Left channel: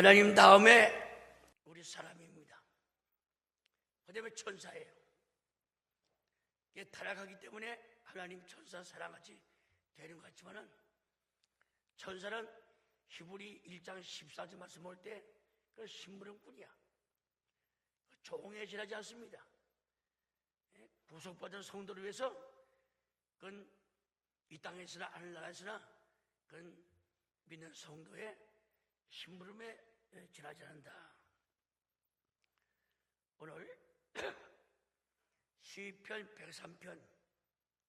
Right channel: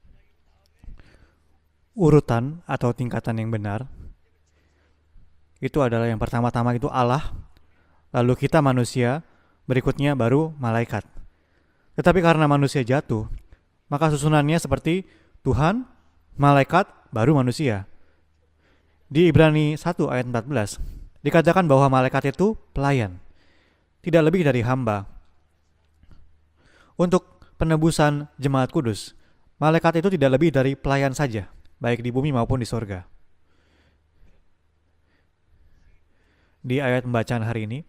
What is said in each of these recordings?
하나님 다음에 Urutan atau tingkatan yang benar 그다음에 천사예요. itu adalah yang pertama-tama itu Allah, 때문에 lalu kita manusia, berikutnya baru malaikat. Tetapi karena manusia jatuh, maka susunannya seperti Tuhan, malaikat, baru manusia. 종해지지 않습니다. Di Ibrani 1 ayat 14 dikatakan bahwa malaikat itu pelayan, tidak lebih dari hamba. 하늘나라에서나 Untuk penebusan jemaat kudus, malaikat itu tidak lebih dari pelayan saja, baik di bumi maupun di sorga. 오늘 시편 103 Di ayat pembacaan hari ini,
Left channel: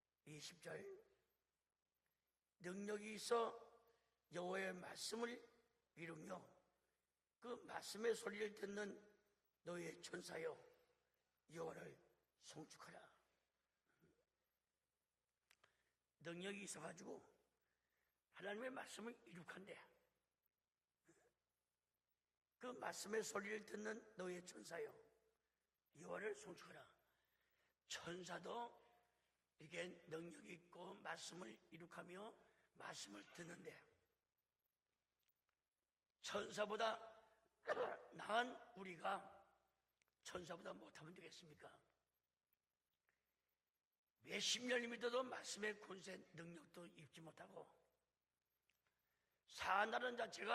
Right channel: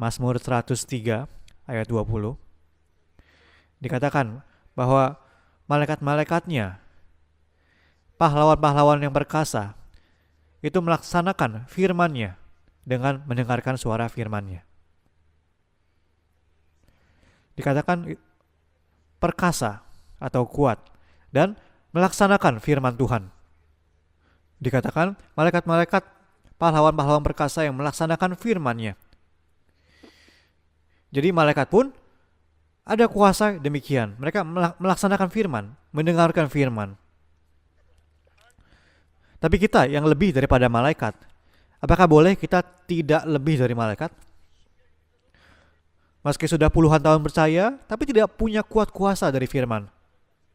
Mazmur 103 ayat 20 능력이 있어 dikatakan 여호와의 bahwa 말씀을 malaikat-malaikatnya, 그 말씀에 pahlawan-pahlawan yang perkasa, 여호와의 천사여 itu melaksanakan firman-Nya dengan mendengarkan suara firman-Nya. 능력이 있어가지고 Dikatakan 하나님의 말씀을 perkasa atau kuat dan melaksanakan firman Tuhan. 소리를 듣는 너의 천사 Dikatakan malaikat-malaikat pahlawan-pahlawan perkasa yang melaksanakan firman-Nya. 이게 능력이 있고 Jadi malaikat pun ada kuasa demikian. Mereka melaksanakan firman, mendengarkan firman. 난 우리가 Tapi kita yang lebih daripada malaikat, apakah boleh kita tidak lebih dari malaikat? 몇십 년이 믿어도 말씀의 권세 Meski sudah puluhan tahun percaya, tapi tidak punya kuat kuasa dari firman. 한다는 자체가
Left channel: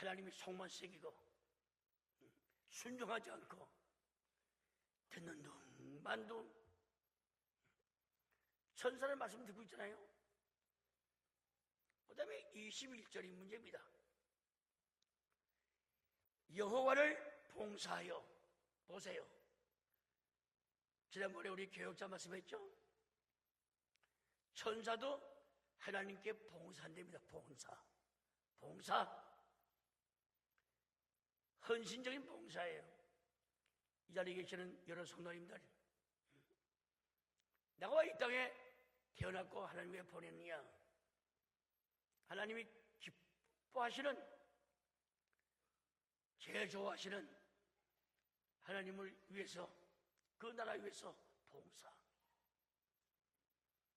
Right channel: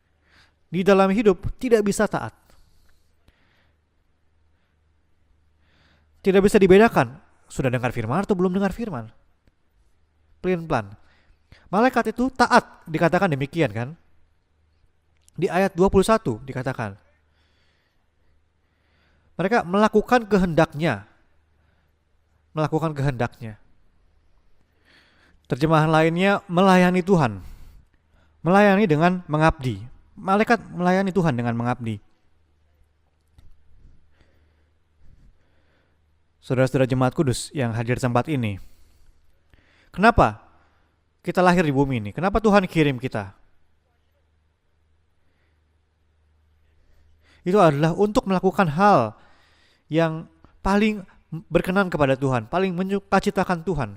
하나님의 성만 Di dalam hidup tidak bisa taat. 순종하지 않고 듣는 놈만 Tidak bisa dibedakan. Sudah dengar firman atau belum dengar firman? 하나님 말씀 듣고 있잖아요. Pelan-pelan. Malaikat itu taat, dikatakan demikian kan? Di ayat 21 dikatakan, 여호와를 봉사하여 보세요. mereka melakukan kehendaknya, 지난번에 우리 교역자 말씀했죠. melakukan kehendaknya. 천사도 Terjemahan lainnya melayani Tuhan. Melayani dengan mengabdi. Malaikat melayani Tuhan dengan mengabdi. 진정인 봉사예요. 이 자리에 계시는 여러 성도님들 Saudara-saudara jemaat kudus yang hadir di tempat ini. 태어났고 하나님 Kenapa kita lahir di bumi ini? Kenapa Tuhan kirim kita? 하시는 제일 좋아하시는 Itu adalah untuk melakukan hal 위해서 yang paling berkenan kepada Tuhan, paling menyukacitakan Tuhan,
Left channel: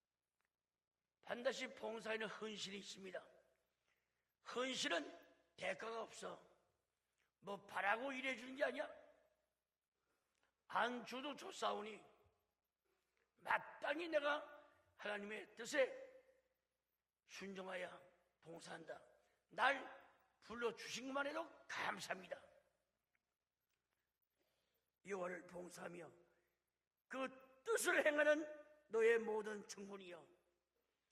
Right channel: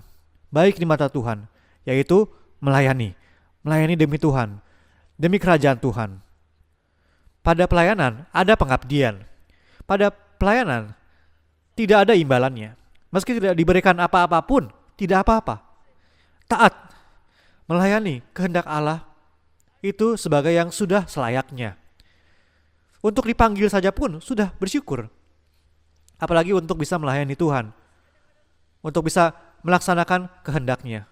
baik di mata Tuhan, 다시 yaitu melayani. Melayani demi Tuhan, 헌신은 demi kerajaan Tuhan. Pada pelayanan ada pengabdian. Pada pelayanan 주도 조사하고 tidak ada imbalannya. Meski tidak diberikan apa-apa pun, tidak apa-apa. 뜻에 Taat, 순종하는 melayani kehendak Allah 날 itu sebagai yang sudah selayaknya. 감사합니다. Untuk dipanggil saja pun sudah bersyukur. 여호와를 봉사하며 Apalagi untuk bisa melayani Tuhan, 뜻을 행하는 untuk bisa melaksanakan kehendaknya.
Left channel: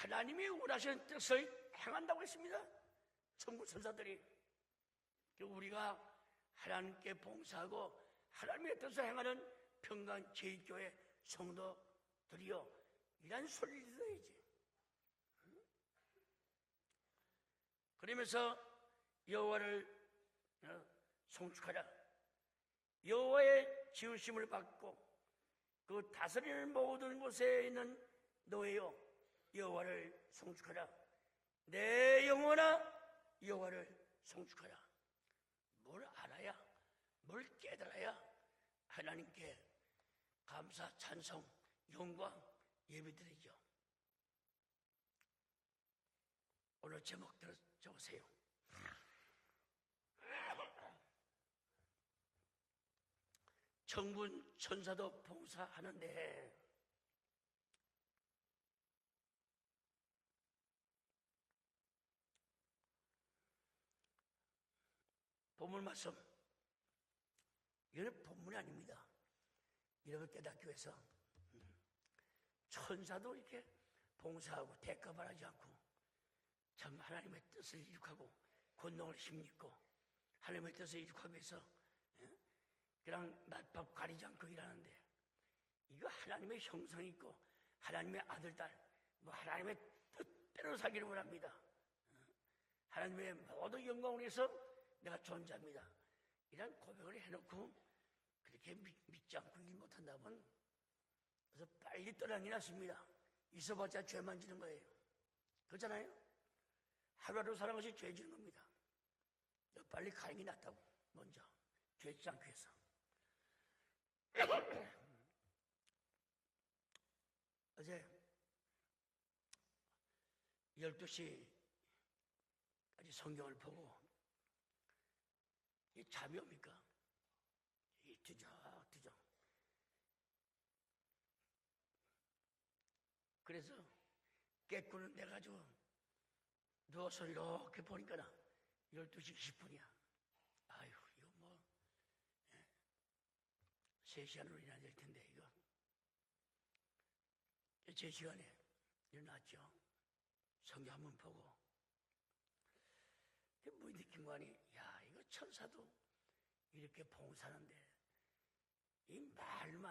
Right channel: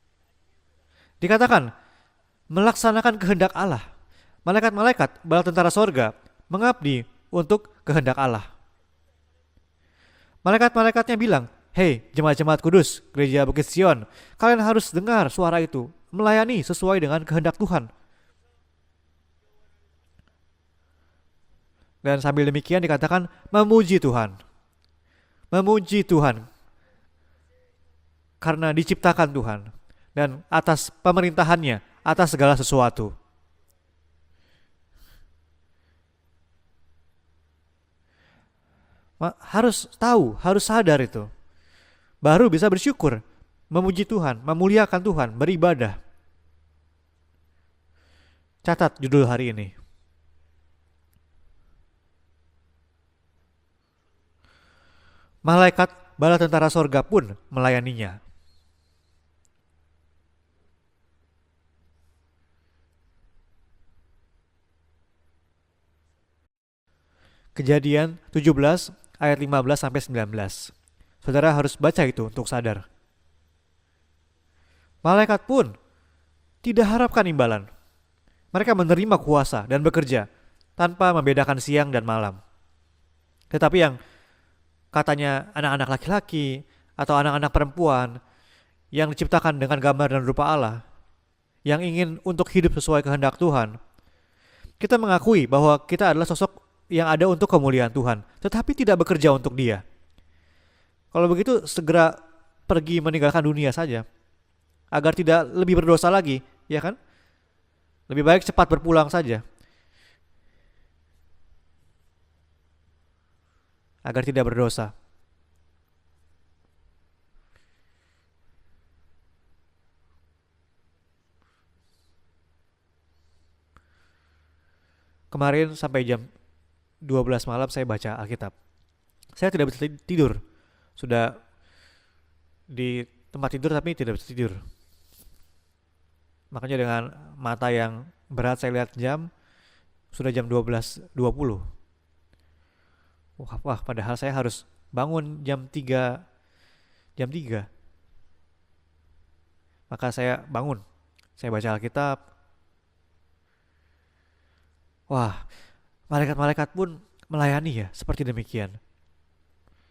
하나님이 원하시는 뜻을 Dikatakan, 행한다고 했습니다. melaksanakan kehendak Allah. Malaikat-malaikat bala tentara sorga mengabdi untuk kehendak Allah. 하나님의 뜻을 행하는 평강지 Malaikat-malaikatnya bilang, hei jemaat-jemaat kudus, gereja Bukit Sion, kalian harus dengar suara itu, melayani sesuai dengan kehendak Tuhan. 그러면서 여호와를 송축하라. Dan sambil demikian dikatakan, memuji Tuhan. 힘을 받고 Memuji Tuhan, 모든 곳에 있는 karena diciptakan Tuhan. 여호와를 Dan atas pemerintahannya, atas segala sesuatu. 여호와를 송축하라. 뭘 알아야, 뭘 깨달아야 하나님 Harus tahu, harus sadar itu. Baru bisa bersyukur, memuji Tuhan, memuliakan Tuhan, beribadah. 오늘 제목 적으세요. Catat judul hari ini. 정군 천사도 Malaikat bala tentara sorga pun melayaninya. 보물 말씀 Kejadian 17 ayat 15 sampai 19. Saudara harus baca itu untuk sadar. 천사도 이렇게 봉사하고 택 Malaikat pun tidak harapkan imbalan. Mereka menerima kuasa dan bekerja tanpa membedakan siang dan malam. Tetapi yang katanya anak-anak laki-laki atau anak-anak perempuan yang diciptakan dengan gambar dan rupa Allah, 사기를 원합니다. yang ingin untuk hidup sesuai kehendak Tuhan, 영광을 위해서 kita mengakui bahwa kita adalah sosok yang ada untuk kemuliaan Tuhan, tetapi tidak bekerja untuk Dia. Kalau begitu segera pergi meninggalkan dunia saja, 죄 만지는 거예요. agar tidak lebih berdosa lagi, ya kan? 하루하루 사는 것이 죄. Lebih baik cepat berpulang saja, 빨리 가는 게 낫다고 먼저 죄지 않기 위해서. agar tidak berdosa. 어제 12시 아직 성경을 보고 Kemarin sampai jam 12 malam saya baca Alkitab. Saya tidak bisa tidur. Sudah di tempat tidur tapi tidak bisa tidur. 깨꾸는 돼가지고 Makanya dengan mata yang berat saya lihat jam, sudah jam 12.20. Wah, padahal saya harus bangun jam 3. 제 시간에 일어났죠. Maka saya bangun. Saya baca Alkitab. 느낀 거 아니에요? Wah, malaikat-malaikat pun melayani ya, seperti demikian. 말만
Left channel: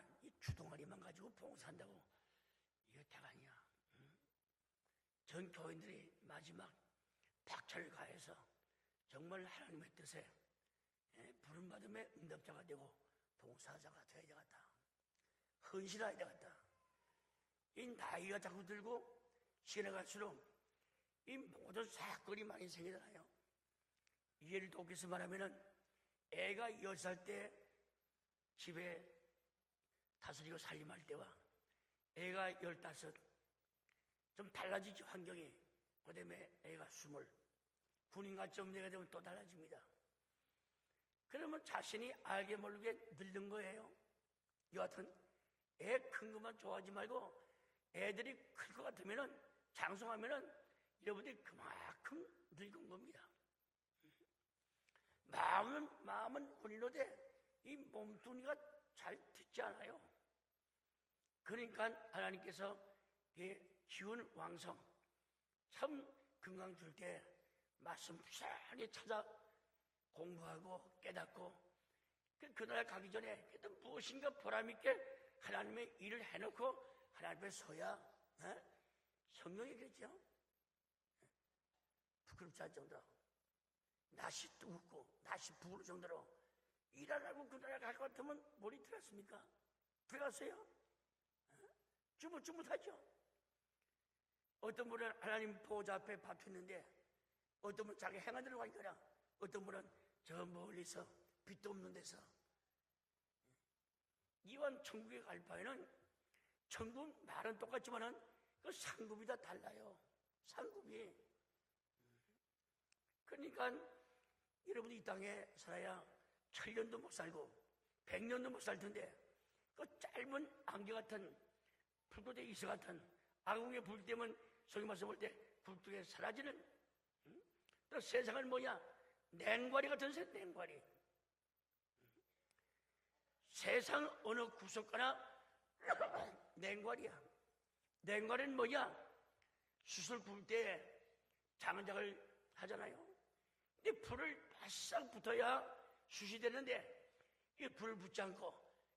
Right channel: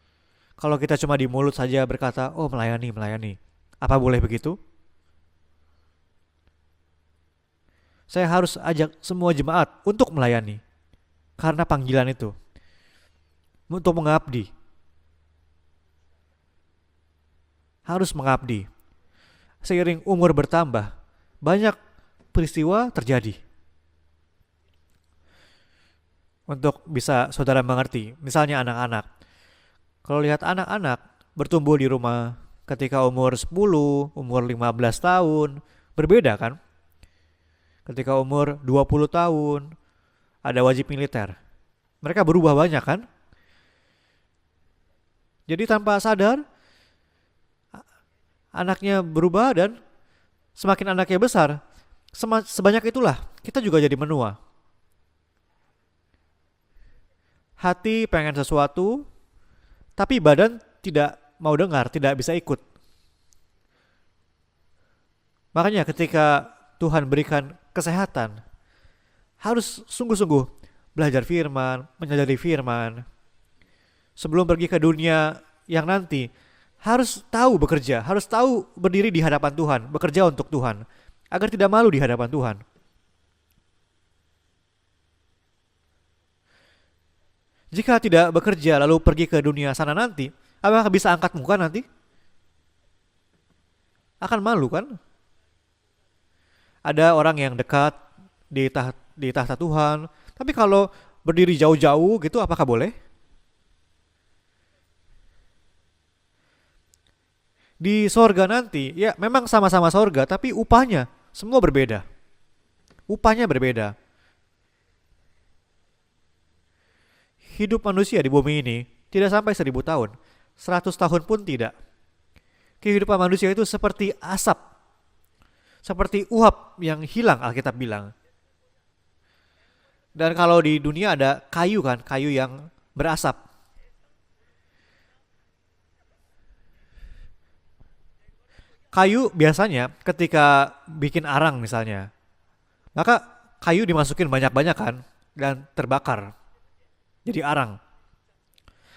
Kalau kita cuma di mulut saja berkata, oh melayani, melayani. Apa boleh begitu? 전 교인들이 마지막 박차를 가요. Saya harus ajak semua jemaat untuk melayani. Karena panggilan itu. Untuk mengabdi. 헌신해야 되겠다. Harus mengabdi. Seiring umur bertambah, banyak peristiwa terjadi. 이해를 돕겠어 말하면은 Untuk bisa saudara mengerti, misalnya anak-anak. Kalau lihat anak-anak bertumbuh di rumah ketika umur 10, umur 15 tahun, berbeda kan? Ketika umur 20 tahun, ada wajib militer. 그러면 자신이 Mereka berubah banyak kan? 들는 거예요. 여하튼 Jadi tanpa sadar, 좋아하지 말고 애들이 anaknya berubah dan 방송하면은 semakin anaknya besar, sebanyak itulah kita juga jadi menua. 마음은 본인로대 Hati pengen sesuatu, 듣지 않아요. tapi badan tidak mau dengar, tidak bisa ikut. 이 기운 왕성. Makanya ketika Tuhan berikan kesehatan, 하게 찾아 harus sungguh-sungguh belajar firman, menyadari firman. 전에 무엇인가 Sebelum pergi ke dunia yang nanti, harus tahu bekerja, harus tahu berdiri di hadapan Tuhan, bekerja untuk Tuhan, agar tidak malu di hadapan Tuhan. 다시 뚫고 다시 부을 정도로 일하라고 그 Jika tidak bekerja lalu pergi ke dunia sana nanti, apakah bisa angkat muka nanti? 주무하죠. Akan malu kan? 오늘 하나님 보좌 앞에 받쳤는데 Ada orang yang dekat di tahta Tuhan, tapi kalau berdiri jauh-jauh gitu apakah boleh? 이wan 천국에 갈 바에는 천국 말은 똑같이 Di sorga nanti, ya memang sama-sama sorga, tapi upahnya semua berbeda. Upahnya berbeda. 여러분이 이 땅에 살아야 1000년도 못 살고 Hidup manusia di bumi ini tidak sampai 1000 tahun, 100 tahun pun tidak. 불꽃에 있어가 Kehidupan manusia itu seperti asap, 저기 말씀 볼때 seperti uap yang hilang Alkitab bilang. 세상은 뭐냐 냉과리 같은 세상. Dan kalau di dunia ada kayu kan, kayu yang berasap. 세상 어느 구석가나 냉과리야. 냉과리는 뭐냐 Kayu biasanya ketika bikin arang misalnya, 하잖아요. maka kayu dimasukin banyak-banyak kan dan terbakar 되는데 jadi arang. 불 붙지 않고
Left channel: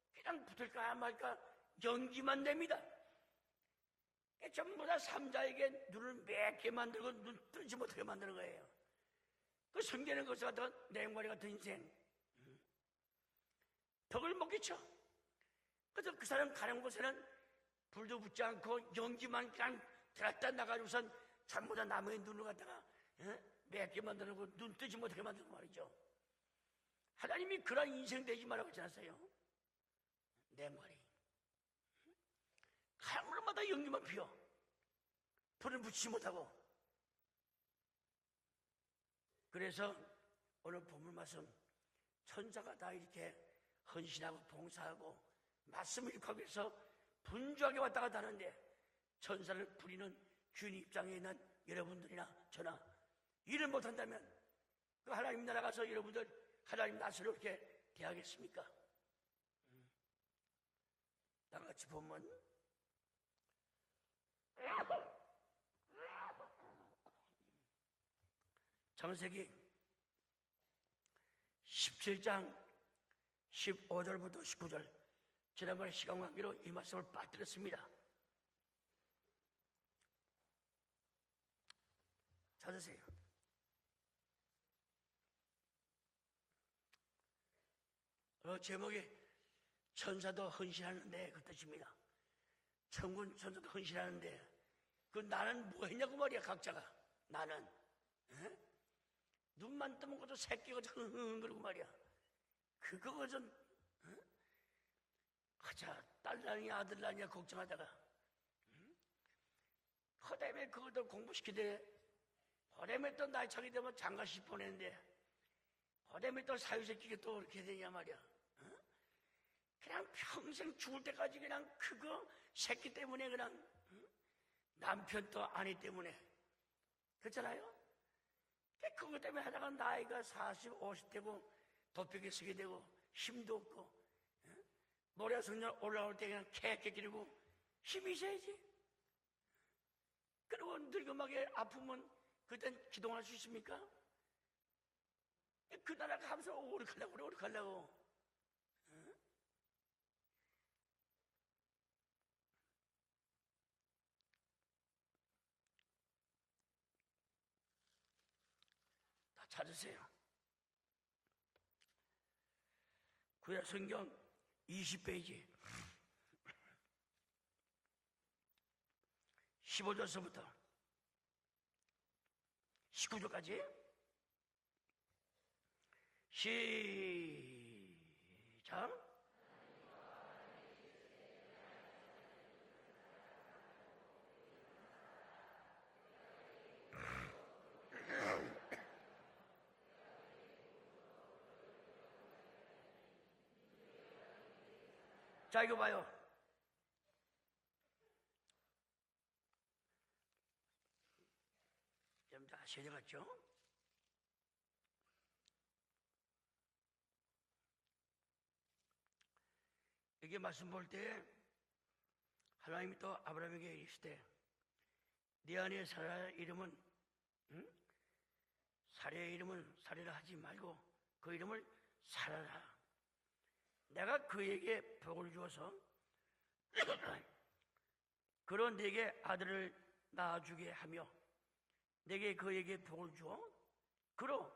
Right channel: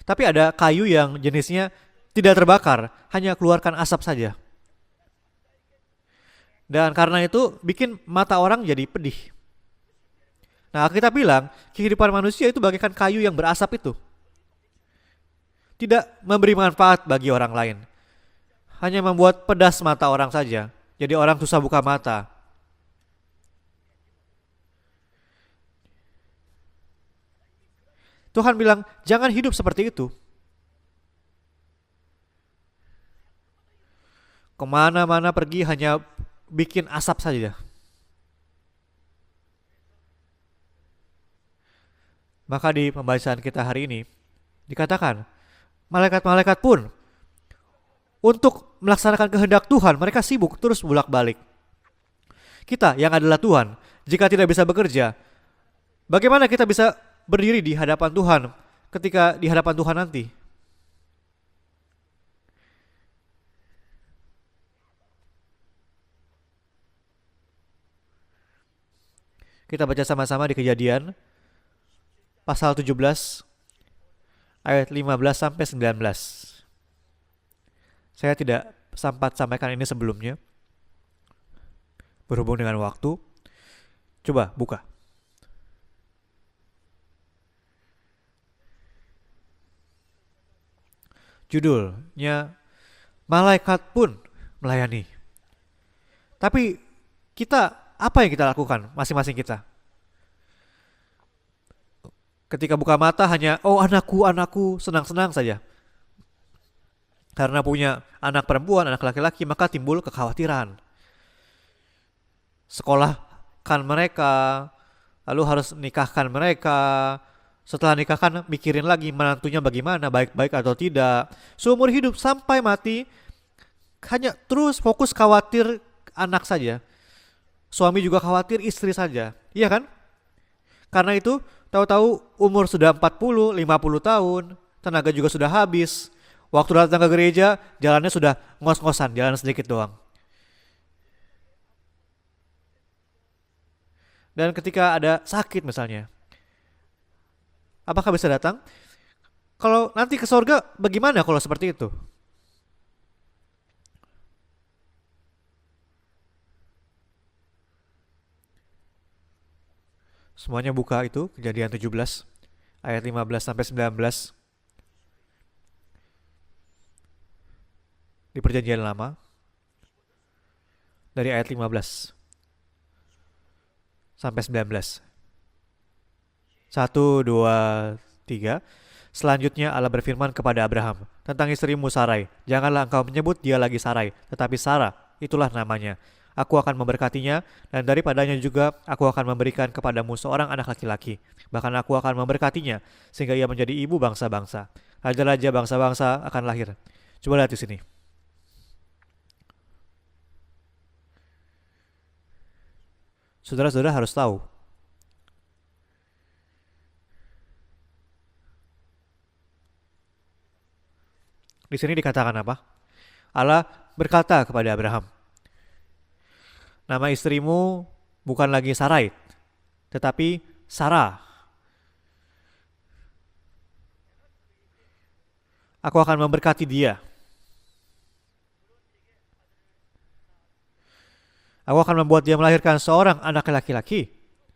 Tapi ada kayu yang jenisnya tidak terbakar, hanya keluarkan asap saja. 전부 다 삼자에게 눈을 맺게 Dan karena itu bikin mata orang jadi pedih. 그 성경의 것을 갖다가 Nah, kita bilang kehidupan manusia itu bagaikan kayu yang berasap itu, 덕을 먹이죠. tidak memberi manfaat bagi orang lain, 불도 붙지 않고 hanya membuat pedas mata orang saja. Jadi orang susah buka mata. 눈을 갖다가 맺게 만드는 거눈 뜨지 못하게 만드는 말이죠. 하나님이 그런 인생 내 Tuhan bilang, jangan hidup seperti itu. 말이 하물마다 연기만 피워 Kemana-mana pergi hanya 쉬지 못하고 bikin asap saja. 그래서 오늘 본문 말씀 Maka di pembacaan kita hari ini 지나고 봉 dikatakan, malaikat-malaikat pun 분주하게 왔다 갔다 하는 untuk melaksanakan kehendak Tuhan, mereka sibuk terus bolak-balik. 여러분들이랑 Kita yang adalah Tuhan, jika tidak bisa bekerja, 하나님 나라 가서 여러분 bagaimana kita bisa berdiri di hadapan Tuhan ketika di hadapan Tuhan nanti? 다 같이 보면 창세기 Kita baca sama-sama di Kejadian 17장 pasal 17 15절부터 19절 ayat 15 sampai 19. 이 말씀을 받들었습니다. Saya tidak sempat sampaikan ini sebelumnya. Berhubung dengan waktu. Coba buka. 제목이 천사도 헌신하는데 Judulnya 천군 malaikat pun melayani. 그 나는 뭐 했냐고 말이야. Tapi kita apa yang kita lakukan masing-masing kita? 눈만 뜨면 그저 새끼가 그러고 말이야. Ketika buka mata hanya oh anakku, anakku, senang-senang saja. 자, 딸랑이 아들랑이 Karena punya anak perempuan, anak laki-laki, maka timbul kekhawatiran. 그것도 공부시키되 Sekolahkan mereka, lalu harus nikahkan mereka. Setelah nikahkan mikirin lagi menantunya bagaimana, baik-baik atau tidak. Seumur hidup sampai mati hanya terus fokus khawatir anak saja. Suami juga khawatir istri saja. Iya kan? Karena itu tahu-tahu umur sudah 40, 50 tahun, tenaga juga sudah habis. Waktu datang ke gereja, jalannya sudah ngos-ngosan, jalan sedikit doang. 그리고 늙음하게 아프면 그땐 기도할 수 있습니까? Dan ketika ada sakit misalnya, 하면서 오래 가려고. apakah bisa datang? Kalau nanti ke sorga, bagaimana kalau seperti itu? 찾으세요. Semuanya buka itu, Kejadian 17, ayat 15 sampai 19 20페이지 di Perjanjian Lama, 15절서부터 dari ayat 15 19절까지 sampai 19. 시 1, 2, 3. Selanjutnya Allah berfirman kepada Abraham tentang istrimu Sarai. Janganlah engkau menyebut dia lagi Sarai, tetapi Sarah, itulah namanya. Aku akan memberkatinya, dan daripadanya juga aku akan memberikan kepadamu seorang anak laki-laki. Bahkan aku akan memberkatinya, sehingga ia menjadi ibu bangsa-bangsa. Raja-raja bangsa-bangsa akan lahir. Coba lihat di sini. 여러분 다 아셔야 되겠죠? Saudara-saudara harus tahu, 이게 말씀 볼때 di sini dikatakan apa? 하나님도 Allah berkata kepada Abraham, 네 안에 살아 이름은 nama istrimu bukan lagi Sarai, 내 이름은 tetapi Sarah. 그 이름을 살아라. 내가 그에게 복을 주어서 Aku akan memberkati dia. 그런 네게 아들을 낳아주게 하며 Aku akan membuat dia melahirkan seorang anak laki-laki, 그로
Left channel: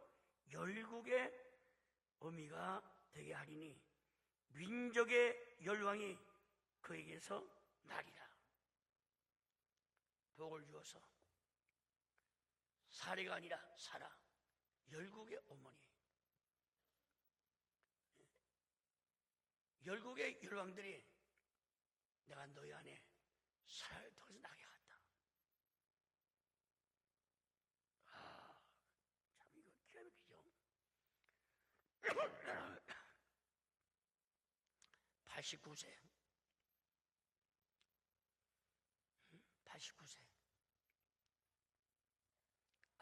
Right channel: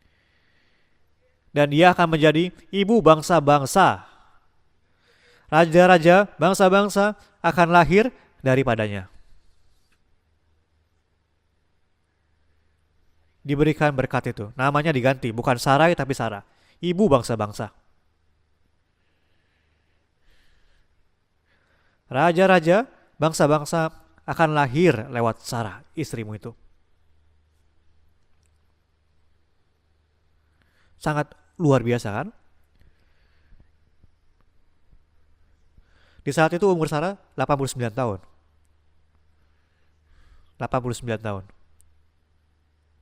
열국의 dan dia akan menjadi ibu bangsa-bangsa. 민족의 Raja-raja bangsa-bangsa akan lahir daripadanya. 복을 주어서 사리가 아니라 Diberikan berkat itu. Namanya diganti, bukan Sarai tapi Sarah. Ibu bangsa-bangsa. 열국의 열왕들이 Raja-raja bangsa-bangsa akan lahir lewat Sarah, istrimu itu. Sangat luar biasa kan? 89세 Di saat itu umur Sarah 89 tahun. 89세 89 tahun.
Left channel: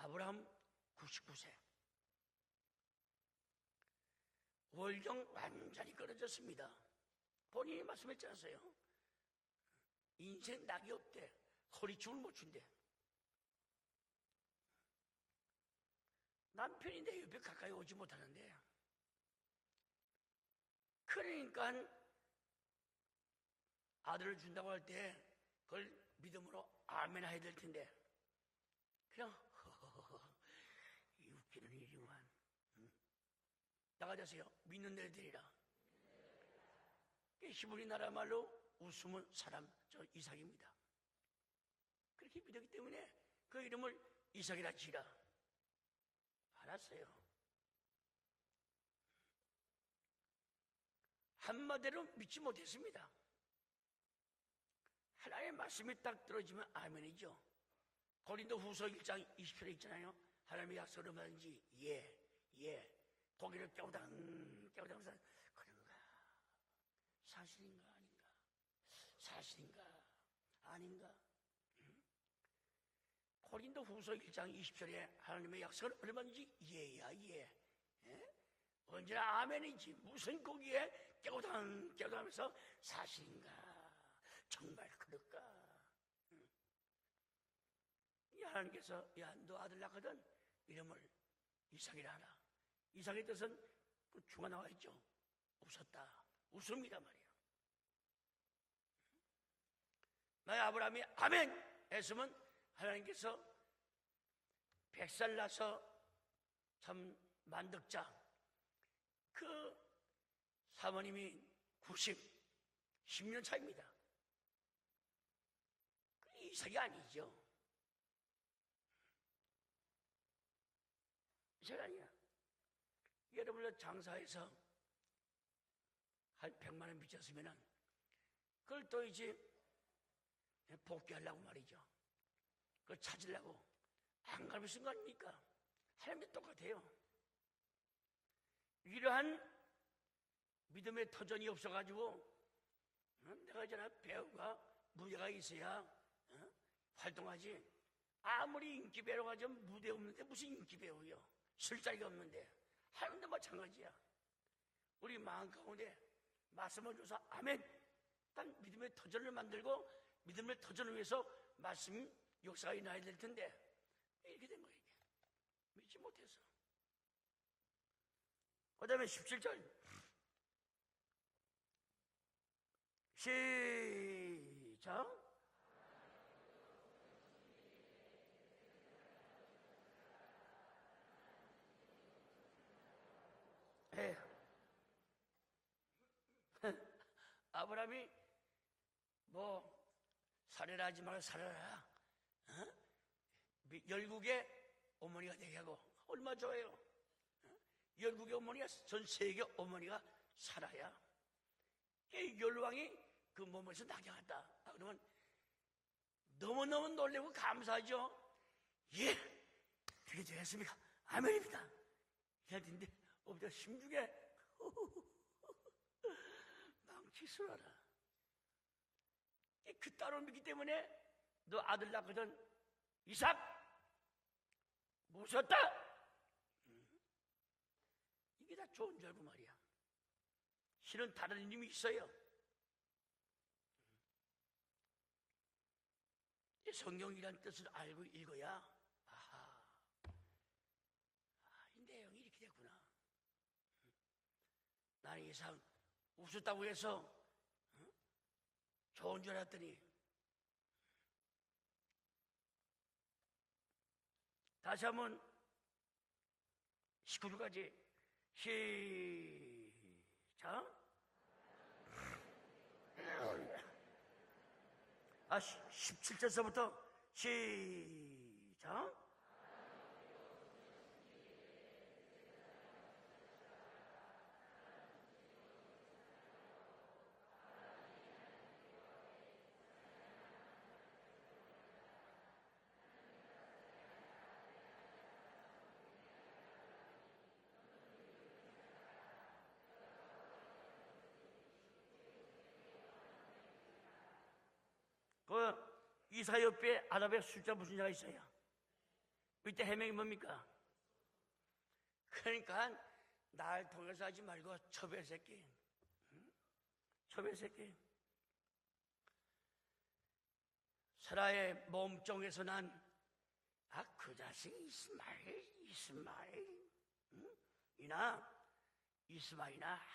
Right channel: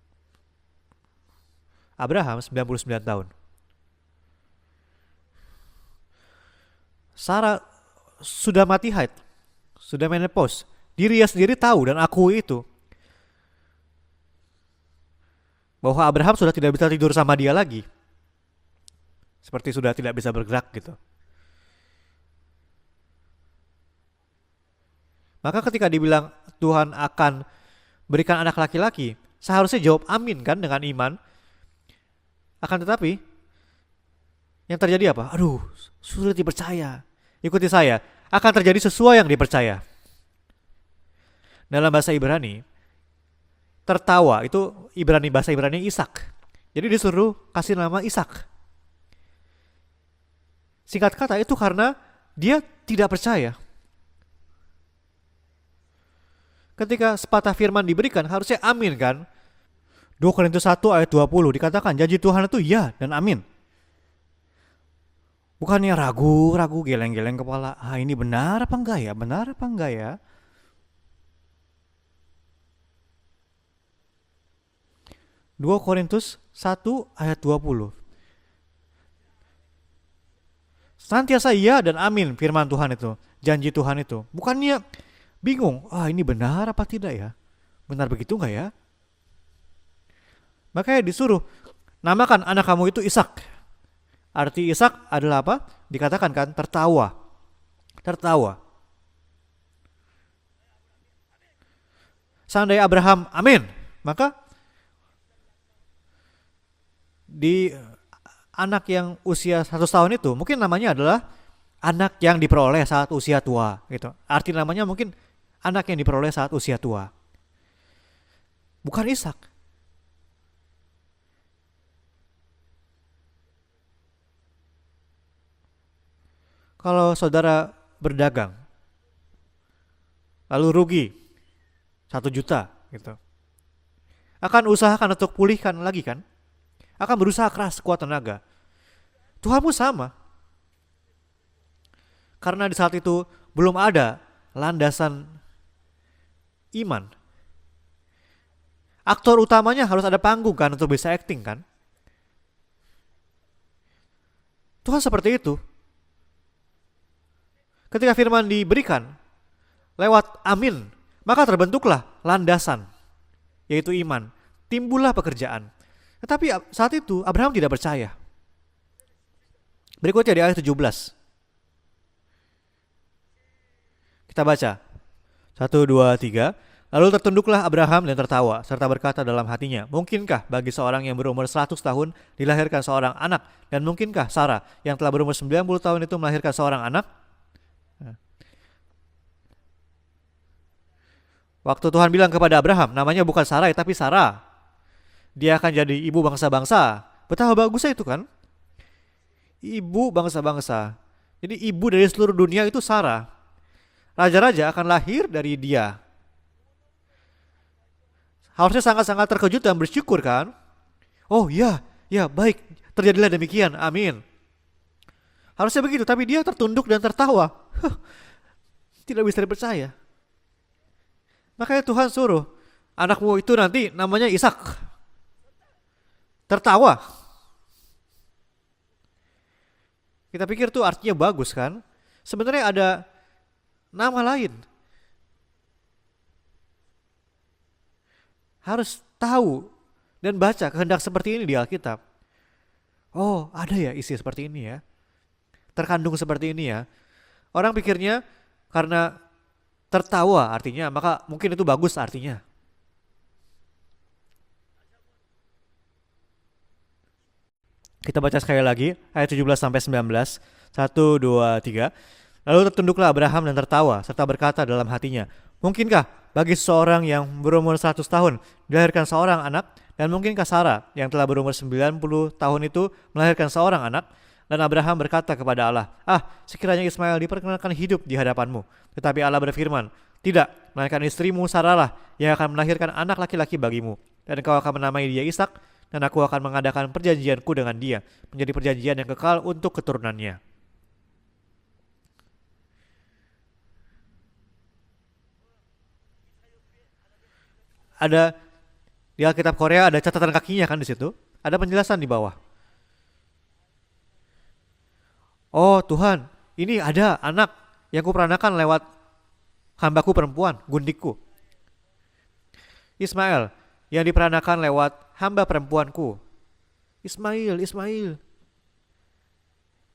아브라함 99세 Abraham 99 tahun. 월경 완전히 끊어졌습니다. Sarah sudah mati haid. Sudah menopause. Dirinya sendiri tahu dan akui itu. Bahwa Abraham sudah tidak bisa tidur sama dia lagi. Seperti sudah tidak bisa bergerak gitu. 그러니까 아들을 준다고 할 때 Maka ketika dibilang Tuhan akan berikan anak laki-laki, seharusnya jawab amin kan dengan iman. Akan tetapi 나가자세요. yang terjadi apa? Aduh, sulit dipercaya. Ikuti saya, akan terjadi sesuai yang dipercaya. Dalam bahasa Ibrani, tertawa itu bahasa Ibrani Ishak. Jadi disuruh kasih nama Ishak. Singkat kata itu karena dia tidak percaya. 하나님의 말씀이 딱 들어지면 Ketika sepatah firman diberikan harusnya amin kan? 2 Korintus 1 ayat 20 dikatakan janji Tuhan itu ya dan amin. Bukannya ragu-ragu geleng-geleng kepala. Ah ini benar apa enggak ya? Benar apa enggak ya? 고린도 후서 1장 20절에 하나님의 2 Korintus 1 ayat 20. 언제나 아멘이지 무슨 거기에 Senantiasa iya dan amin firman Tuhan itu. Janji Tuhan itu. Bukannya bingung. Ah ini benar apa tidak ya? Benar begitu enggak ya? 그래서 야너 아들 낳거든 Makanya disuruh namakan anak kamu itu Ishak. Arti Ishak adalah apa? Dikatakan kan tertawa. Tertawa. 나의 아브라함이 아멘 했으면 Seandainya Abraham amin, maka 100살 나서 참 di anak yang usia 100 tahun itu mungkin namanya adalah anak yang diperoleh saat usia tua gitu. Arti namanya mungkin anak yang diperoleh saat usia tua. Bukan Ishak. 제가 아니야. 여러분들 장사해서 할 병. Kalau saudara berdagang 그걸 또 이제 lalu rugi 하려고 말이죠. 1 juta gitu. 찾으려고 Akan usahakan untuk pulihkan lagi kan? 똑같아요. akan berusaha keras sekuat tenaga. 이러한 Tuhanmu sama, 믿음의 터전이 없어가지고 karena di saat itu belum ada landasan 있어야 iman. 활동하지. 아무리 인기 Aktor utamanya harus ada panggung kan untuk bisa acting kan. 쓸 자리가 없는데 하나님도 마찬가지야. Tuhan seperti itu. 근데 말씀을 줘서 아멘. Ketika firman diberikan 저를 만들고 lewat amin, maka terbentuklah landasan, 가야 될 텐데. yaitu iman. Timbullah pekerjaan. Tetapi saat itu Abraham tidak percaya. 그다음에 17절. Berikutnya di ayat 17. Kita baca. 1, 2, 3. Lalu tertunduklah Abraham dan tertawa, serta berkata dalam hatinya, mungkinkah bagi seorang yang berumur 100 tahun dilahirkan seorang anak? Dan mungkinkah Sarah yang telah berumur 90 tahun itu melahirkan seorang anak? 아브라함이 뭐 살해라 하지 마라 살아라. Waktu Tuhan bilang kepada Abraham, namanya bukan Sarai tapi Sarah. 어머니가 Dia akan jadi ibu bangsa-bangsa. Betapa bagusnya itu kan? 어머니가 전 세계 Ibu bangsa-bangsa. Jadi ibu dari seluruh dunia itu Sarah. 그 몸에서 나게 Raja-raja akan lahir dari dia. 너무너무 놀래고 감사하죠. Harusnya sangat-sangat terkejut dan bersyukur kan? 아멘. Oh ya, ya baik. Terjadilah demikian. Amin. Harusnya begitu, tapi dia tertunduk dan tertawa. Tidak bisa dipercaya. 따로 믿기 때문에 Makanya Tuhan suruh, anakmu itu nanti namanya Ishak. 무섭다. Tertawa. 이게 다 좋은 줄 알고 말이야. Kita pikir tuh artinya bagus kan? 있어요. Sebenarnya ada nama lain. 성경이란 뜻을 알고 읽어야 Harus tahu dan baca kehendak seperti ini di Alkitab. Oh, ada ya isi seperti ini ya. 나의 이상 Terkandung seperti ini ya. 그래서 Orang pikirnya karena 줄 알았더니 tertawa artinya, maka mungkin itu bagus artinya. 다시 한번 19절까지 Kita baca sekali lagi ayat 17 sampai 19. 1, 2, 3. Lalu tertunduklah Abraham dan tertawa serta berkata dalam hatinya, mungkinkah bagi seseorang yang berumur 100 tahun dilahirkan seorang anak? Dan mungkinkah Sarah yang telah berumur 90 tahun itu melahirkan seorang anak? Dan Abraham berkata kepada Allah, sekiranya Ismail diperkenalkan hidup di hadapanmu. Tetapi Allah berfirman, tidak, melainkan istrimu Sarah lah yang akan melahirkan anak laki-laki bagimu. Dan engkau akan menamai dia Ishak, dan aku akan mengadakan perjanjianku dengan dia, menjadi perjanjian yang kekal untuk keturunannya. 그 이사 옆에 아랍의 숫자 무슨 자가 있어? Ada di Alkitab Korea ada catatan kakinya kan di situ. Ada penjelasan di bawah. 그러니까 날 통해서 하지 말고 처별 새끼. Oh Tuhan, ini ada anak yang kuperanakan lewat hambaku perempuan, gundikku, 나의 몸종에서 난 Ismail, yang diperanakan lewat hamba perempuanku. Ismail. 이스마엘아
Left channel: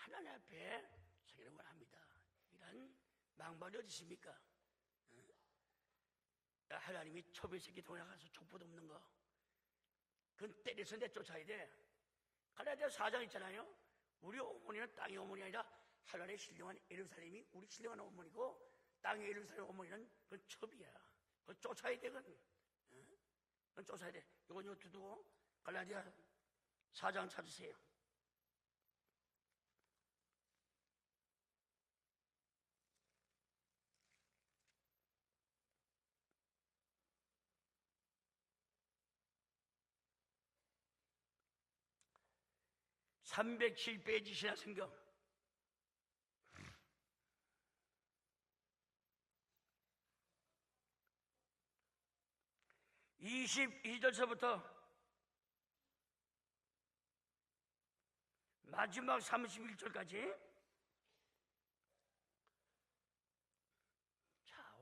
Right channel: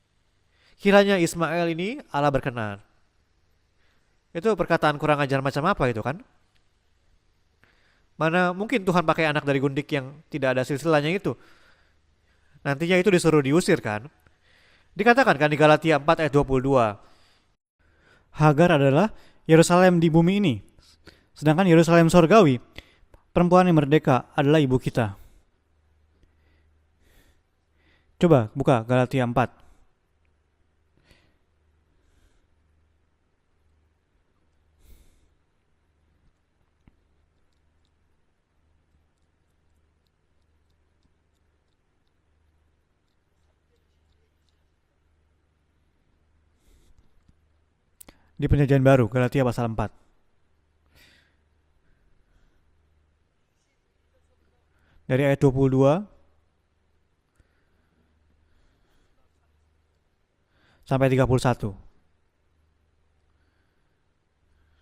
하나님 앞에 Kiranya Ismail ini Allah berkenan. 망발이 어디 있습니까? Itu perkataan kurang ajar macam apa itu kan? 하나님이 처별 새끼 통해 Mana mungkin Tuhan pakai anak dari gundik yang tidak ada silsilahnya itu. Nantinya itu disuruh diusir kan? 우리 어머니는 Dikatakan kan di Galatia 4 ayat 22. 우리 신령한 어머니 Hagar adalah Yerusalem di bumi ini. Sedangkan Yerusalem sorgawi, perempuan yang merdeka adalah ibu kita. 갈라디아 4장 찾으세요. Coba buka Galatia 4. (307페이지) 신약 성경 Di perjanjian baru, Galatia pasal 4. 22절서부터 Dari ayat 22 마지막 31절까지. sampai 31.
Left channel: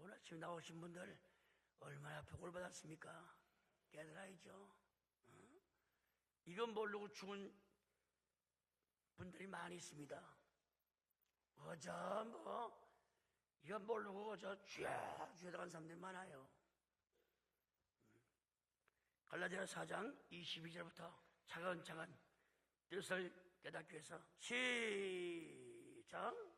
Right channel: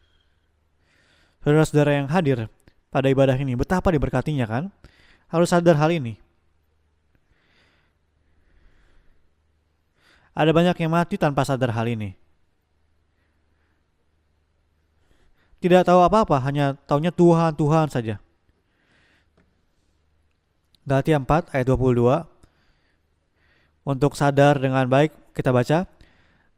오늘 지금 나오신 분들 Saudara-saudara yang hadir 받았습니다. pada ibadah ini, betapa diberkatinya kan? Harus sadar hal ini. 이건 모르고 죽은 분들이 많이 있습니다. Ada banyak yang mati tanpa sadar hal ini. 이건 모르고 저 쥐야 Tidak tahu apa-apa, hanya taunya Tuhan, Tuhan saja. 갈라디아 4장 22절. Galatia 4 ayat 22. Untuk sadar dengan baik, kita baca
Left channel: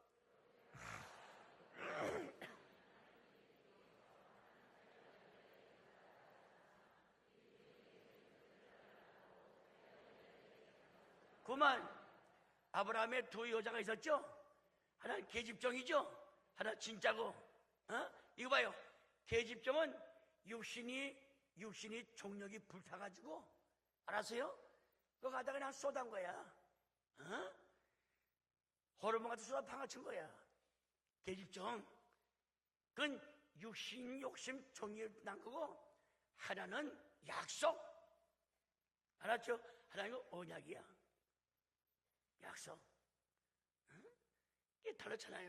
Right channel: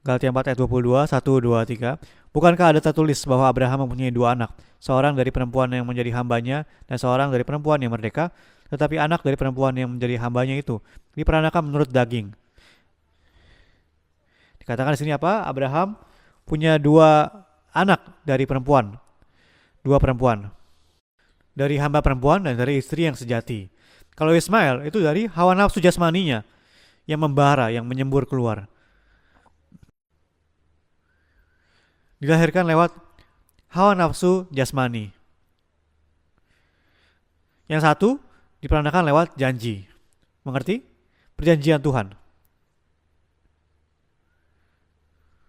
Galatia 4 ayat 22, 1, 2, 3. Bukankah ada tertulis bahwa Abraham mempunyai dua anak, seorang dari perempuan yang menjadi hambanya dan seorang dari perempuan yang merdeka, tetapi anak dari perempuan yang menjadi hambanya itu diperanakan menurut daging. 아브라함의 두 여자가 있었죠. Dikatakan di sini apa? Abraham punya dua anak dari perempuan, 계집종은 dua perempuan, 육신이 dari hamba perempuan dan dari istri yang sejati. Kalau Ismail itu dari hawa nafsu jasmaninya yang membara, yang menyembur keluar. 호르몬 같은 수가 방아친 거야. 계집종. Dilahirkan lewat 그건 hawa nafsu jasmani. 난 거고 하나는 약속. Yang satu diperandakan lewat janji. Mengerti? Perjanjian Tuhan. 약속. 이게 달랐잖아요.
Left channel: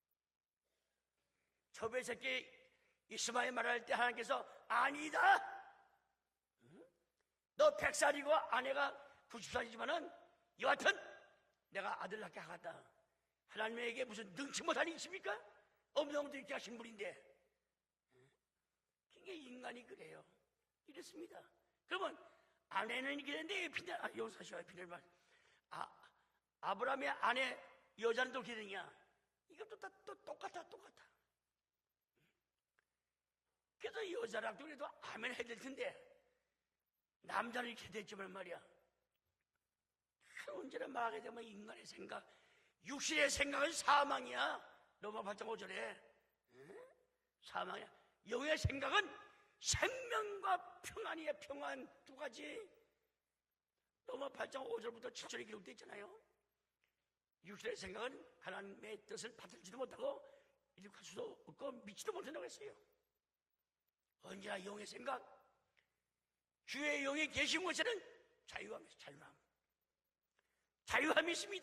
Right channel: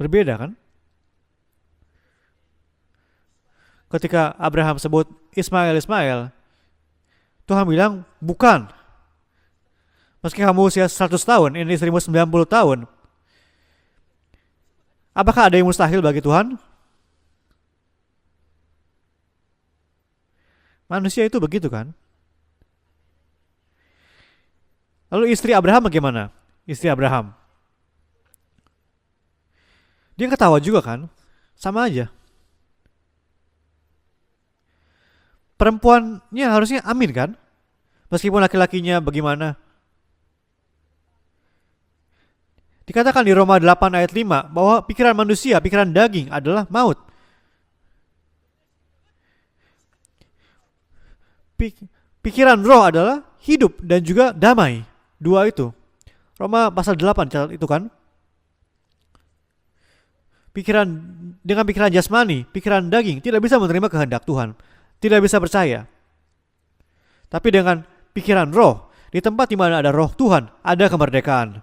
Berbeda kan? 초배 새끼 이스마엘 말할 때 Ketika 하나님께서 Abraham sebut 아니다. Ismail, Ismail, Tuhan bilang 100살이고 bukan. 아내가 90살이지만은 Meski kamu usia 100 tahun, ini istrimu 90 tahun. 하나님에게 무슨 능치 못한 인심이 Apakah ada yang mustahil bagi Tuhan? 신분인데 이게 인간이 그래요. Manusia itu begitu kan? 그러면 아내는 그런데 비난 용서하셔 비늘 말. Lalu istri Abraham bagaimana? Istri Abraham. 아내 여자는 또 기능이야. Dia ketawa juga kan? Sama aja. 그래서 여자랑 그래도 아멘 해야 될 텐데 Perempuannya harusnya amin kan? 남자는 이렇게 되지. Meskipun laki-lakinya bagaimana? 언제나 말하게 되면 인간의 생각. Dikatakan di Roma 8 ayat 5 bahwa pikiran manusia, pikiran daging adalah maut. 사망이야. 영의 생각은 생명과 평안이야. Pi- 평안. pikiran roh adalah hidup dan juga damai. Dua itu. Roma pasal 8 catat itu kan? 생각은 하나님의 뜻을 받을지도 못하고 Pikiran dengan pikiran jasmani, pikiran daging tidak bisa menerima kehendak Tuhan. Tidak bisa percaya. 주의 영이 Tapi dengan 계시는 pikiran roh, di tempat di mana ada roh Tuhan, ada kemerdekaan.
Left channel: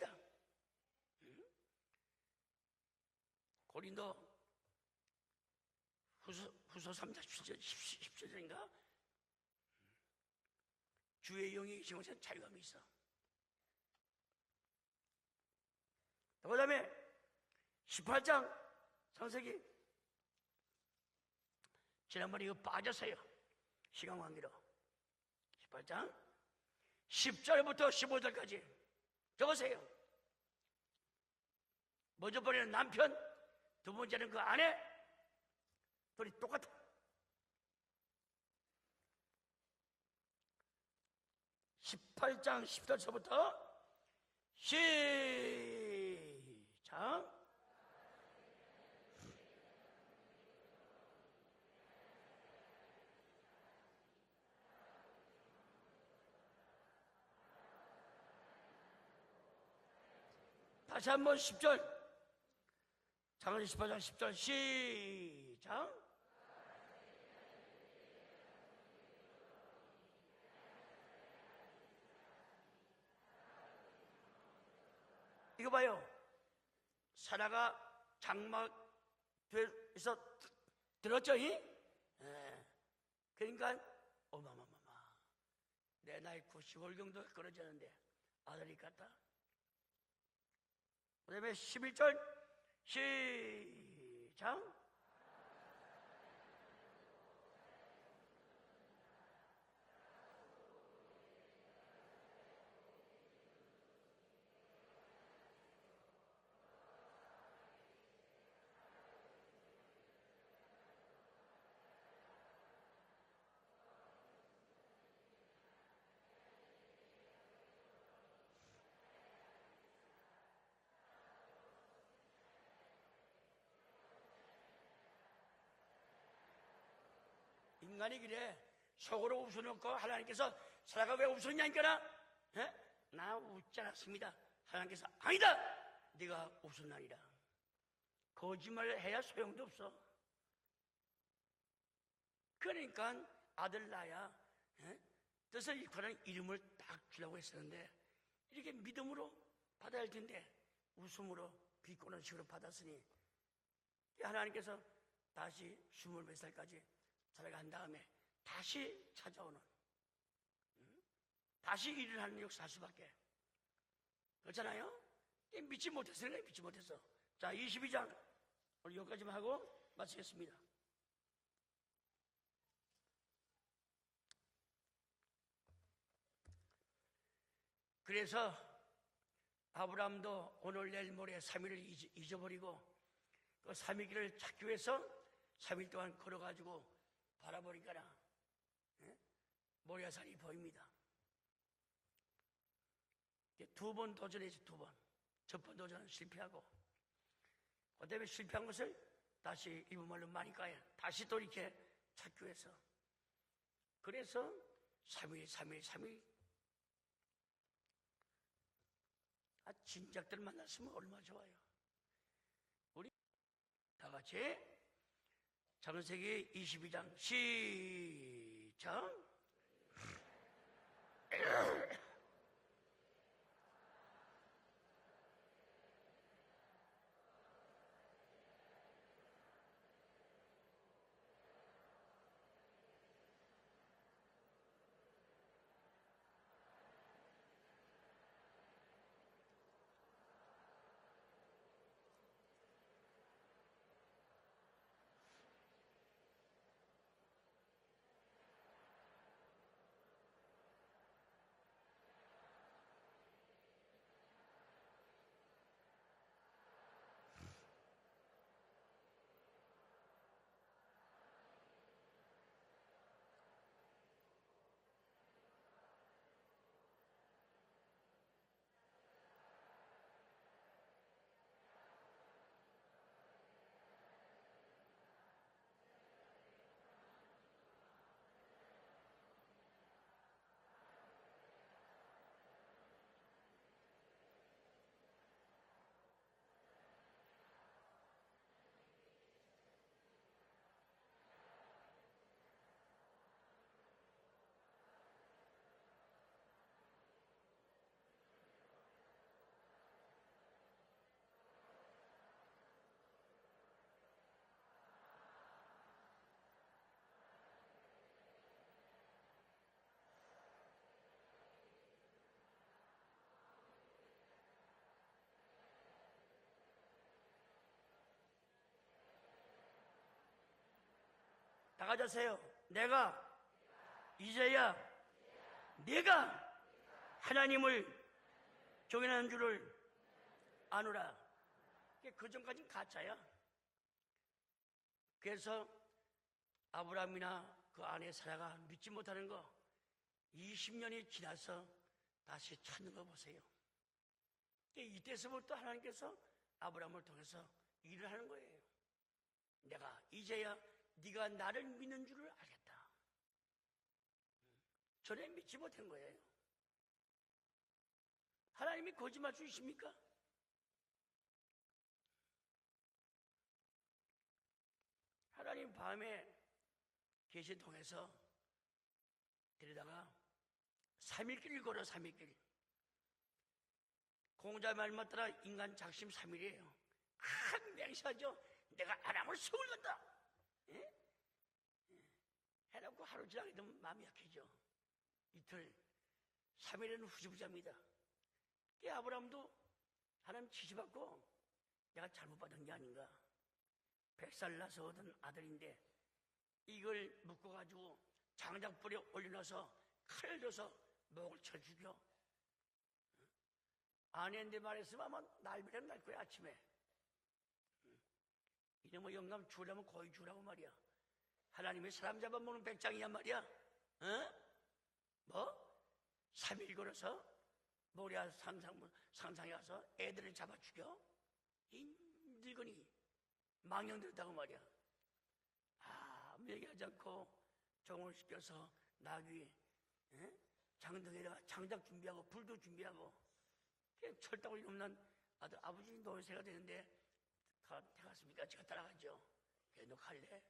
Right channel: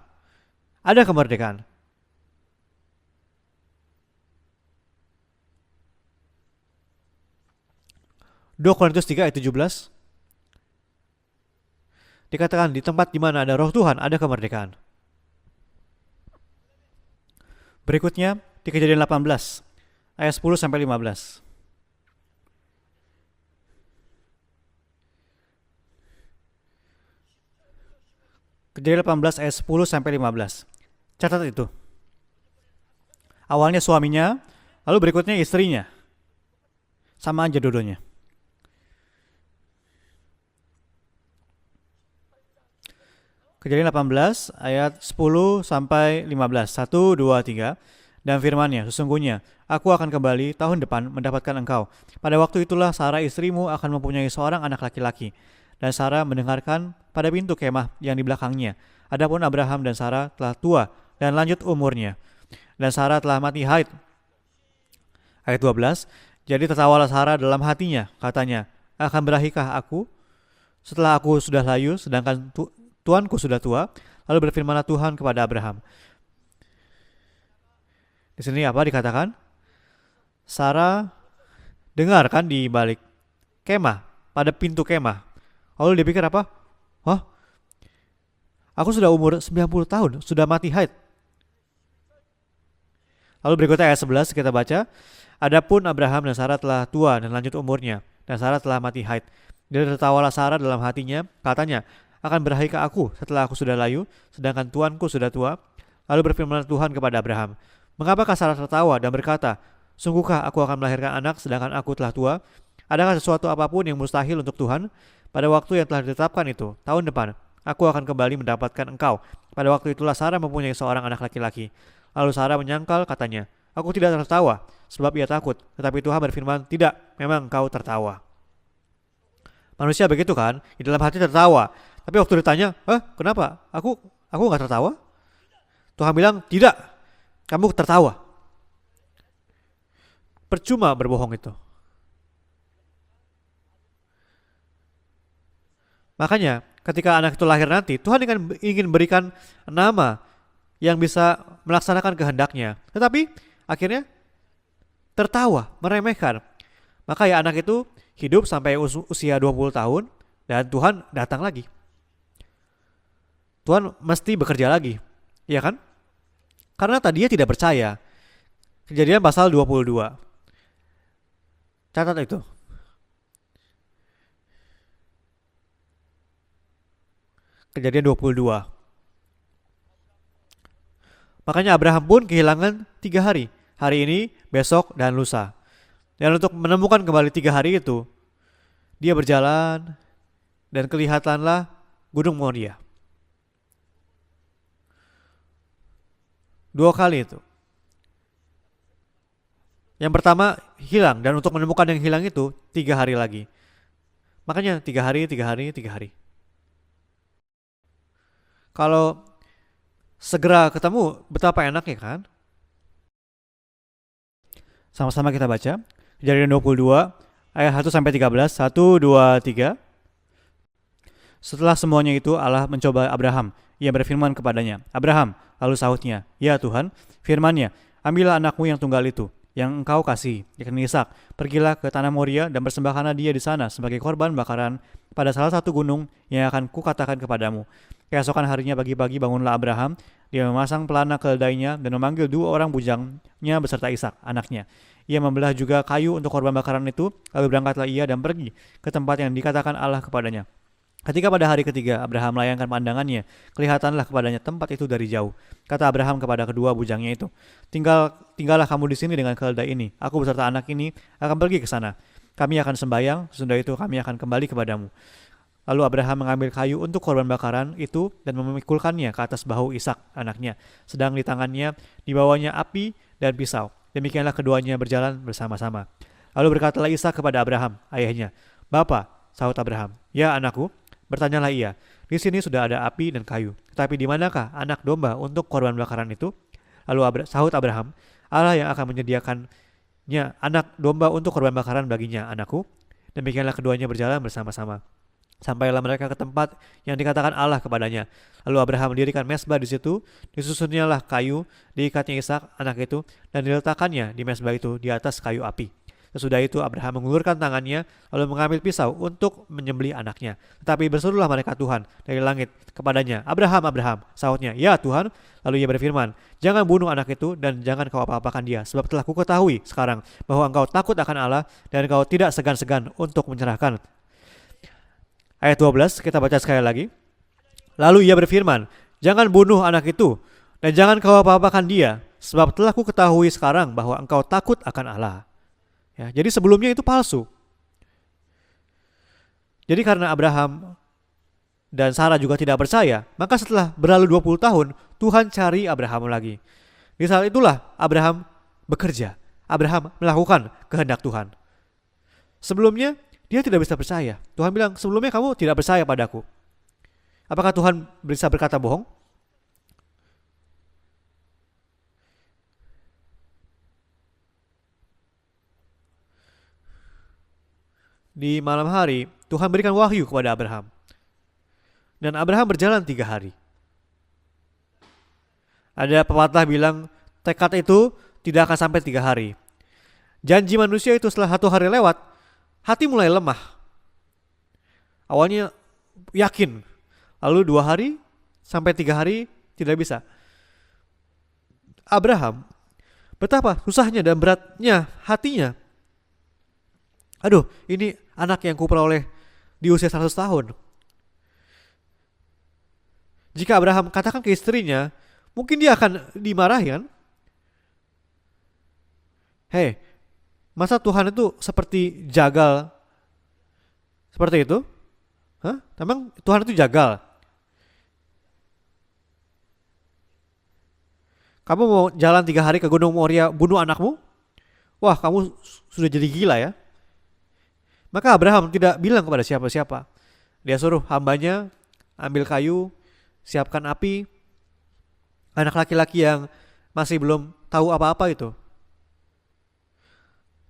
Ada kemerdekaan. 고린도 후서 3장 10절인가 2 Korintus 3 ayat 17 주의 영이 계시면서 dikatakan di tempat di mana ada roh Tuhan, ada kemerdekaan. 그다음에 Berikutnya di Kejadian 18 ayat 10 sampai 15. 지난번에 이거 빠졌어요. 시간 관계로 18장 10절부터 15절까지 Kejadian 18 ayat 10 sampai 15. Catat itu. 먼저 버리는 남편 Awalnya suaminya, 아내 lalu berikutnya istrinya. 우리 똑같아. Sama aja dua-duanya. 18장 10절부터 Kejadian 18 ayat 10 sampai 15. 1, 2, 3. Dan firman-Nya, sesungguhnya aku akan kembali tahun depan mendapatkan engkau. Pada waktu itulah Sarah istrimu akan mempunyai seorang anak laki-laki. Dan Sarah mendengarkan pada pintu kemah yang di belakangnya. Adapun Abraham dan Sarah telah tua dan lanjut umurnya. Dan Sarah telah mati haid. 10절 시 Ayat 12. Jadi tertawalah Sarah dalam hatinya, katanya, akan berahikah aku setelah aku sudah layu, sedangkan tuanku sudah tua? Lalu berfirmanlah Tuhan kepada Abraham. 봐요. 사라가 Di sini apa dikatakan? 장에서 Sarah 들었죠? 이? dengarkan di balik 그러니까 kemah, pada pintu kemah. Lalu dia pikir apa? Hah? Aku sudah umur 90 tahun, sudah mati haid. 그다음에 11절 시 Lalu berikutnya ayat 11 kita baca. Adapun Abraham dan Sarah telah tua dan lanjut umurnya, dan Sarah telah mati haid. Dia tertawalah Sarah dalam hatinya, katanya, akan berahikah aku setelah aku sudah layu, sedangkan tuanku sudah tua? Lalu berfirman Tuhan kepada Abraham, mengapakah Sarah tertawa dan berkata, sungguhkah aku akan melahirkan anak sedangkan aku telah tua? Adakah sesuatu apapun yang mustahil untuk Tuhan? Pada waktu yang telah ditetapkan itu, tahun depan, aku akan kembali mendapatkan engkau. Pada waktu itulah Sarah mempunyai seorang anak laki-laki. Lalu Sarah menyangkal, katanya, aku tidak tertawa, sebab ia takut. Tetapi Tuhan berfirman, tidak, memang engkau tertawa. 속으로 웃으는 Manusia begitu kan, di dalam hati tertawa. Tapi waktu ditanya, kenapa? Aku nggak tertawa? 아니다. Tuhan bilang, tidak, kamu tertawa. 거짓말을 해야 소용도 없어. Percuma berbohong itu. 그러니까 아들 낳아야 뜻을 이끌어내. Makanya, ketika anak itu lahir nanti, Tuhan ingin berikan nama yang bisa melaksanakan kehendaknya. Tetapi akhirnya 하나님께서 tertawa, meremehkan. Maka ya anak itu hidup sampai usia 20 tahun dan Tuhan datang lagi. 다시 일을 하는 역사 할 수밖에. Tuhan mesti bekerja lagi. Iya kan? 믿지 못했으니까 믿지 못했어. Karena tadinya tidak percaya. Kejadian pasal 22. Catat itu. Kejadian 22. 아브라함도 오늘 내일 모레 Makanya Abraham pun kehilangan 3 hari. Hari ini, besok, dan lusa. 3일 동안 Dan untuk menemukan kembali 3 hari itu, dia berjalan 모야산이 보입니다. dan kelihatanlah Gunung Moria. 두 번 도전했지 두 번. 첫 번 도전 실패하고 2 kali itu. 그다음에 실패한 것을 다시 Yang pertama hilang dan untuk menemukan yang hilang itu 3 hari lagi. 그래서 Makanya 3 hari, 3 hari, 3 hari. Kalau segera ketemu, betapa enaknya kan? 다 같이 Sama-sama kita baca. 작은 세계 Kejadian 22 ayat 1 sampai 13. 1, 2, 3. Setelah semuanya itu Allah mencoba Abraham. Ia berfirman kepadanya, Abraham, lalu sahutnya, ya Tuhan, firman-Nya, ambillah anakmu yang tunggal itu, yang engkau kasih, yakni Ishak. Pergilah ke tanah Moria dan persembahkanlah dia di sana sebagai korban bakaran pada salah satu gunung yang akan kukatakan kepadamu. Keesokan harinya pagi-pagi bangunlah Abraham, dia memasang pelana keledainya dan memanggil 2 orang bujangnya beserta Ishak, anaknya. Ia membelah juga kayu untuk korban bakaran itu, lalu berangkatlah ia dan pergi ke tempat yang dikatakan Allah kepadanya. Ketika pada hari ketiga Abraham melayangkan pandangannya, kelihatanlah kepadanya tempat itu dari jauh. Kata Abraham kepada kedua bujangnya itu, tinggallah kamu di sini dengan keledai ini. Aku beserta anak ini akan pergi ke sana. Kami akan sembahyang, sesudah itu kami akan kembali kepadamu. Lalu Abraham mengambil kayu untuk korban bakaran itu dan memikulkannya ke atas bahu Ishak, anaknya. Sedang di tangannya dibawanya api dan pisau. Demikianlah keduanya berjalan bersama-sama. Lalu berkatalah Ishak kepada Abraham, ayahnya, Bapa, sahut Abraham, ya anakku. Bertanyalah ia, di sini sudah ada api dan kayu, tetapi di manakah anak domba untuk korban bakaran itu? Lalu sahut Abraham, Allah yang akan menyediakannya anak domba untuk korban bakaran baginya, anakku. Demikianlah keduanya berjalan bersama-sama. Sampailah mereka ke tempat yang dikatakan Allah kepadanya. Lalu Abraham mendirikan mezbah di situ, disusunnyalah kayu, diikatnya Ishak, anak itu, dan diletakkannya di mezbah itu di atas kayu api. Sesudah itu Abraham mengulurkan tangannya lalu mengambil pisau untuk menyembelih anaknya. Tetapi berserulah malaikat Tuhan dari langit kepadanya, Abraham, Abraham. Sahutnya, ya Tuhan. Lalu ia berfirman, jangan bunuh anak itu dan jangan kau apa-apakan dia. Sebab telah kuketahui sekarang bahwa engkau takut akan Allah dan engkau tidak segan-segan untuk menyerahkan. 이제야 Ayat 12 kita baca sekali lagi. 하나님을 Lalu ia berfirman, jangan bunuh anak itu dan jangan kau apa-apakan dia. Sebab telah kuketahui sekarang bahwa engkau takut akan Allah. 그래서 Ya, jadi sebelumnya itu palsu. 그 안에 사라가 믿지 못하는 거 Jadi karena Abraham 10년이 지나서 dan Sarah juga tidak percaya, maka setelah berlalu 20 tahun, Tuhan cari Abraham lagi. Di saat itulah Abraham bekerja. Abraham melakukan kehendak Tuhan. 나를 믿는 줄 Sebelumnya, dia tidak bisa percaya. Tuhan bilang, sebelumnya kamu tidak percaya padaku. Apakah Tuhan bisa berkata bohong? 하나님이 거짓말 수 있습니까? 하나님 밤에 계시 통해서 Di malam hari, Tuhan berikan wahyu kepada Abraham. 3일 걸어 3일 Dan Abraham berjalan 3 hari. 공자 말 맞더라 인간 Ada pepatah bilang, tekad itu tidak akan sampai 3 hari. 서울났다 Janji manusia itu setelah 1 hari lewat, hati mulai lemah. 마음이 약해져 Awalnya yakin, 3일에는 lalu 2 hari sampai 3 hari tidak bisa. 하나님 지시받고 Abraham, betapa susahnya dan beratnya hatinya. 이걸 Aduh, ini anak yang kuperoleh di usia 100 tahun. Jika Abraham katakan ke istrinya, mungkin dia akan dimarahi kan? 이놈의 영감 Hei, 보여주라고 말 masa Tuhan itu seperti jagal 백장이야 말이야 seperti itu? Hah? Emang Tuhan itu jagal? 모리아 상상에 와서 애들을 잡아 죽여 Kamu mau jalan 3 hari ke Gunung Moria bunuh anakmu? 그렇다고 말이야 Wah, kamu sudah jadi gila ya. 그러지 않고 Maka Abraham tidak bilang kepada siapa-siapa. Dia suruh hambanya ambil kayu, siapkan api. 철다고 없는 Anak laki-laki yang masih belum tahu apa-apa itu 제가 따라가죠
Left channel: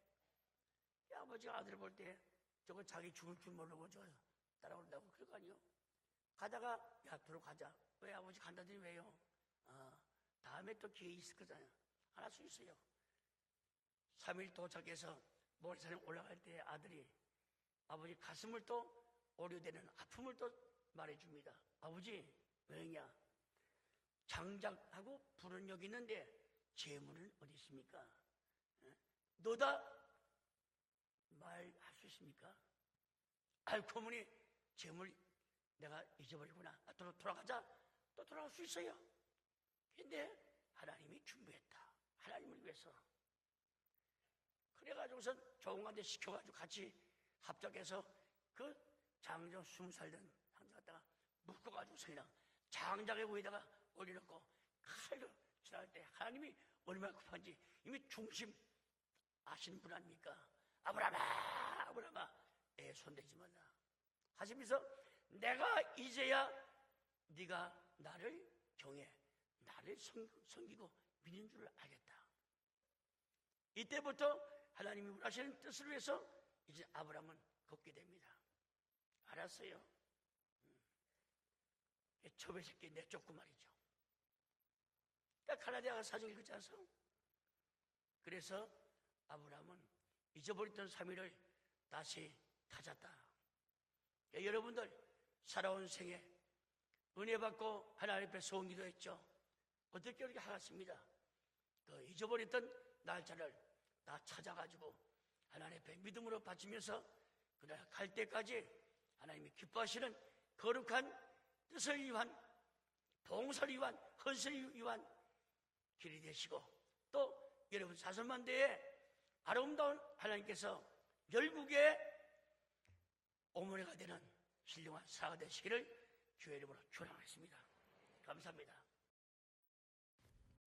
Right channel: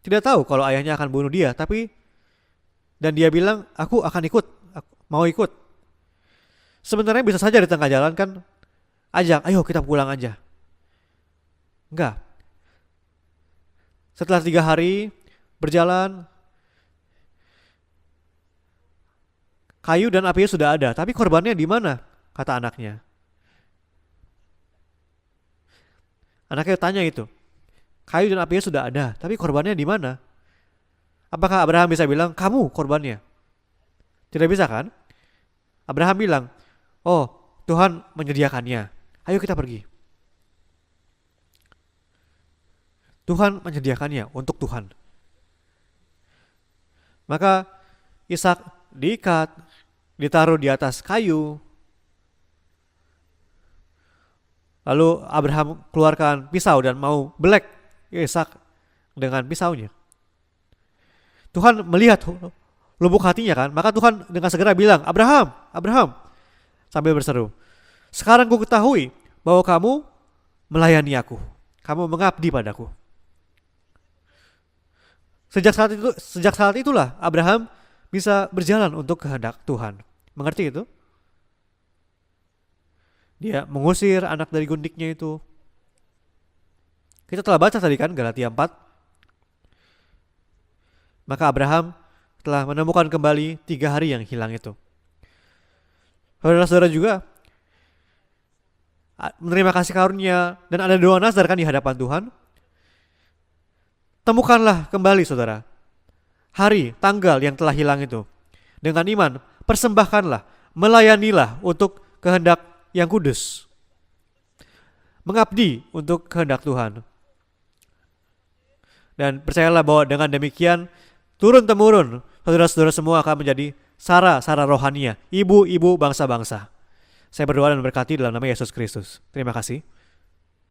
tidak tahu kalau ayahnya akan bunuh dia, tapi dan dia bilang, aku akan ikut, mau ikut. Sebenarnya bisa saja di tengah jalan kan ajak, ayo kita pulang aja. 다음에 또 기회 있을 거잖아 Enggak. Setelah 3 hari berjalan, 그때 아들이 아버지 가슴을 또 오려대는 kayu dan apinya sudah ada, tapi korbannya di mana? Kata anaknya. 장작하고 불은 여기 있는데 Anaknya tanya itu. Kayu dan apinya sudah ada, tapi korbannya di mana? Apakah Abraham bisa bilang, kamu korbannya? 아이고 어머니 Tidak bisa kan? Abraham bilang, oh Tuhan menyediakannya. Ayo kita pergi. 근데 하나님이 준비했다 하나님을 위해서 Tuhan menyediakannya untuk Tuhan. 그래가지고선 적응한테 시켜가지고 같이 Maka 해서 Ishak diikat, 20살 ditaruh di atas kayu. 가지고 그냥 장작에 위에다가 올려놓고 Lalu Abraham keluarkan pisau dan mau belek Ishak dengan pisaunya. 아브라함아 Tuhan melihat lubuk hatinya kan. Maka Tuhan dengan segera bilang, Abraham, Abraham, 이제야 sambil berseru, sekarang ku ketahui bahwa kamu melayani aku, kamu mengabdi padaku. 이때부터 하나님 하시는 Sejak saat itulah Abraham bisa berjalan untuk kehendak Tuhan. Mengerti itu? 초배새끼 내 조그만 Dia mengusir anak dari gundiknya itu. 가나다가 사정이 그지 않소? Kita telah baca tadi kan Galatia 4. 아브라함은 잊어버렸던 3일을 Maka Abraham 다시 telah menemukan kembali 3 hari yang hilang itu. 살아온 생에 Saudara-saudara juga 은혜 받고 하나님 앞에 소원기도 했죠. menerima kasih karunia dan ada doa nazar kan di hadapan Tuhan. 잊어버렸던 날짜를 Temukanlah kembali saudara 하나님 앞에 믿음으로 hari, tanggal yang telah hilang itu. 받기까지 Dengan iman, persembahkanlah, melayanilah untuk kehendak yang kudus. 건설 이완, 건설 이완 Mengabdi untuk kehendak Tuhan. 또 여러분 사선만대에 Dan percayalah bahwa dengan demikian turun-temurun saudara-saudara semua akan menjadi sara-sara rohania, ibu-ibu bangsa-bangsa. Saya berdoa dan berkati dalam nama Yesus Kristus. Terima kasih.